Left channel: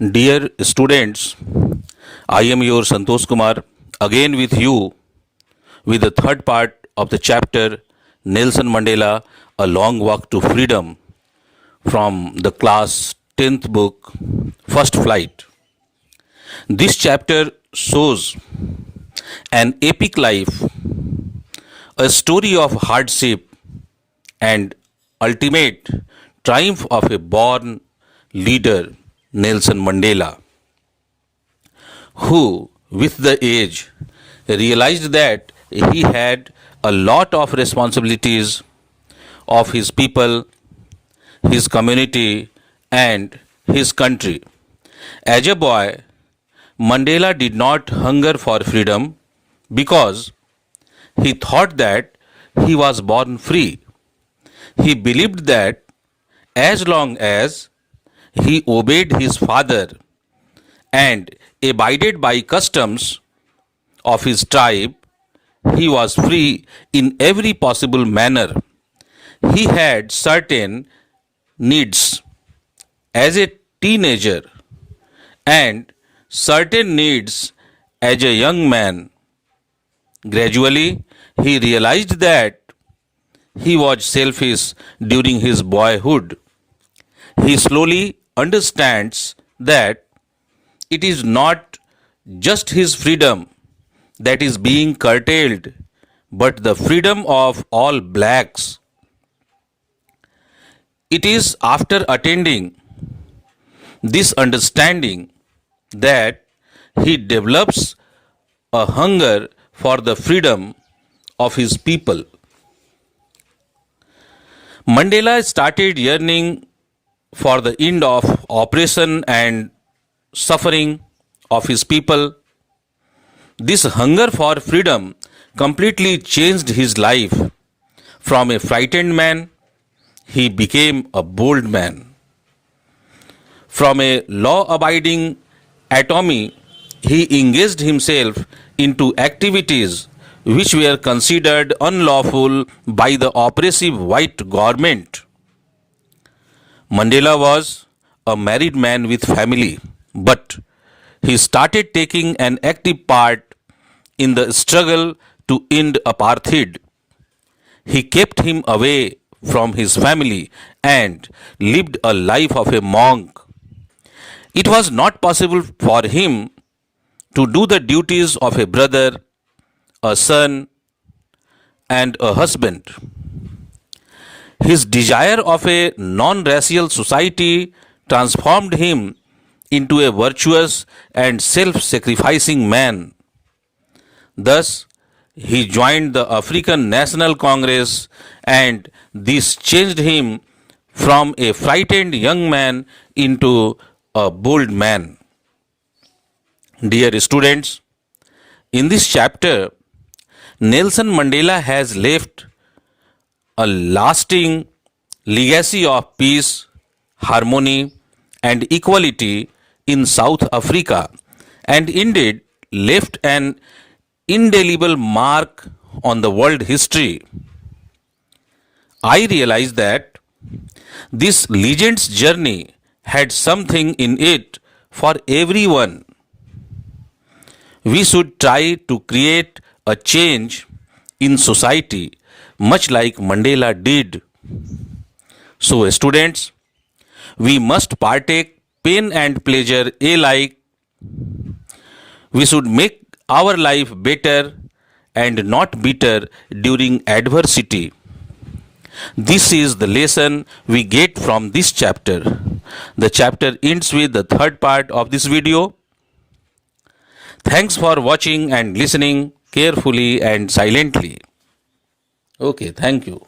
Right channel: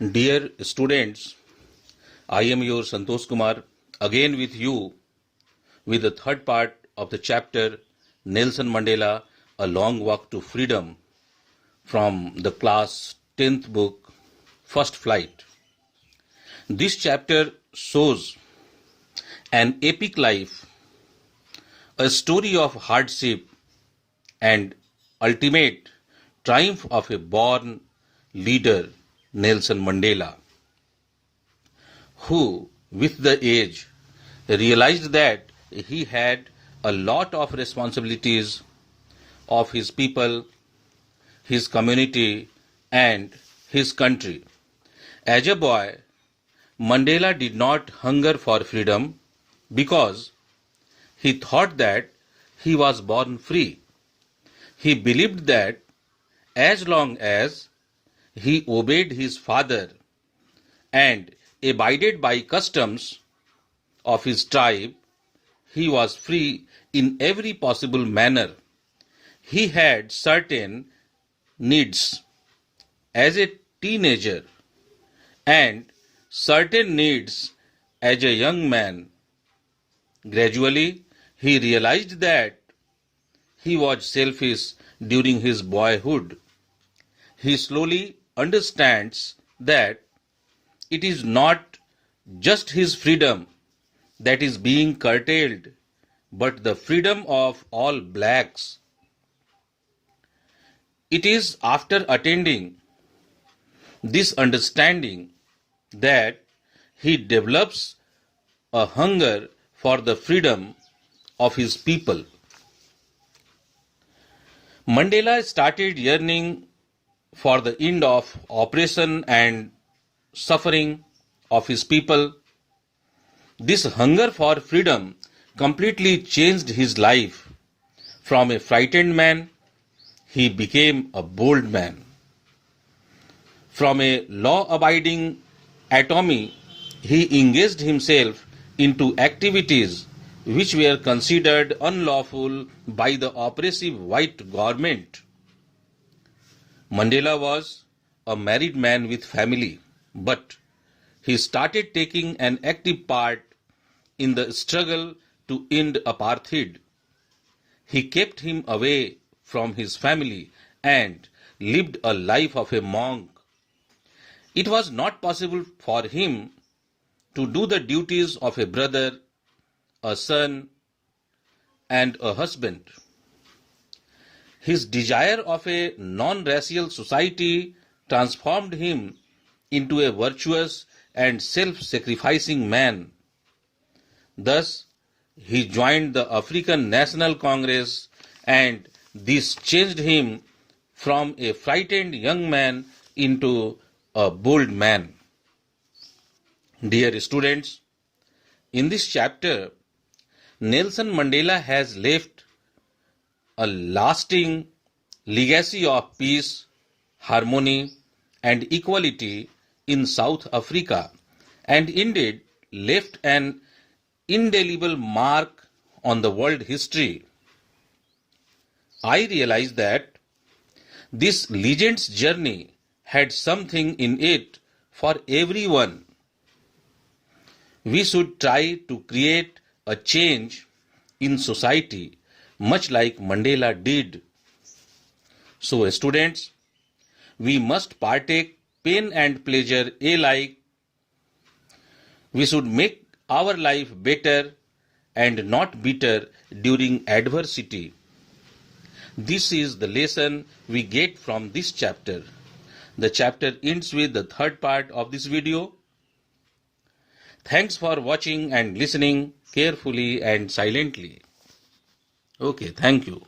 Dear students, I am your Santosh Kumar again with you with the third part of the chapter Nelson Mandela A Long Walk to Freedom from the class 10th book First Flight. This chapter shows an epic life, a story of hardship and ultimate triumph of a born leader, Nelson Mandela, who, with the age, realized that he had a lot of responsibilities of his people, his community, and his country. As a boy, Mandela did not hunger for freedom because he thought that he was born free. He believed that as long as he obeyed his father and abided by customs of his tribe, he was free in every possible manner. He had certain needs as a teenager and certain needs as a young man. Gradually, he realized that he was selfish during his boyhood. He slowly understands that it is not just his freedom that is being curtailed, but the freedom of all blacks. It is after attending this understanding that he develops a hunger for the freedom of his people. Mandela started yearning for the end of oppression and suffering of his people. This hunger for freedom completely changed his life. From a frightened man, he became a bold man. From a law-abiding atomy, he engaged himself into activities which were considered unlawful by the oppressive white government. Mandela was a married man with family, but he started taking an active part in the struggle to end apartheid. He kept him away from his family and lived a life of a monk. It was not possible for him to do the duties of a brother, a son, and a husband. His desire of a non-racial society transformed him into a virtuous and self-sacrificing man. Thus, he joined the African National Congress, and this changed him from a frightened young man into a bold man. Dear students, in this chapter, Nelson Mandela has left a lasting legacy of peace, harmony, and equality in South Africa, and indeed left an indelible mark on the world history. I realize that this legend's journey had something in it for everyone. We should try to create a change in society much like Mandela did. So students, we must partake pain and pleasure alike. We should make our life better and not bitter during adversity. This is the lesson we get from this chapter. The chapter ends with the third part of this video. Thanks for watching and listening carefully and silently. Okay, thank you.